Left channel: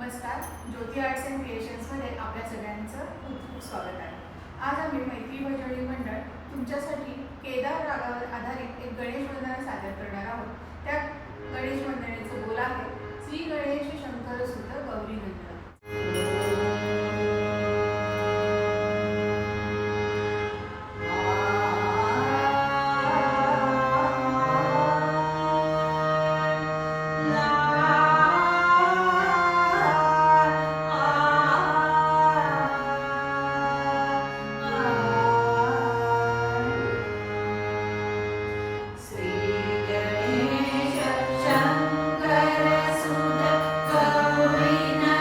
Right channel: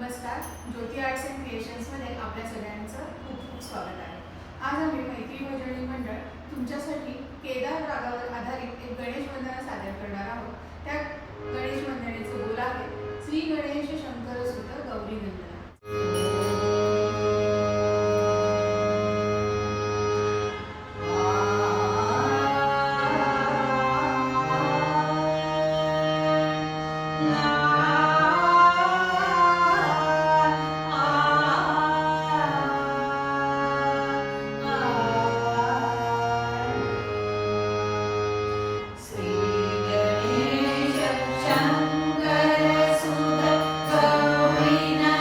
नमस्कार. ज्योती arts and क्रिएशन्समध्ये आपल्या सगळ्यांचं खूप खूप स्वागत आहे. आज आम्ही मैत्री भजनी मंडळ तुमच्यासाठी केदार रागावर आधारित एक गणेश वंदना सादर करणार आहोत. त्या गणेश वंदनेचे बोल आहे, श्री गणेश शंकर सुत गौरी वंदना. शंकर सुत गौरी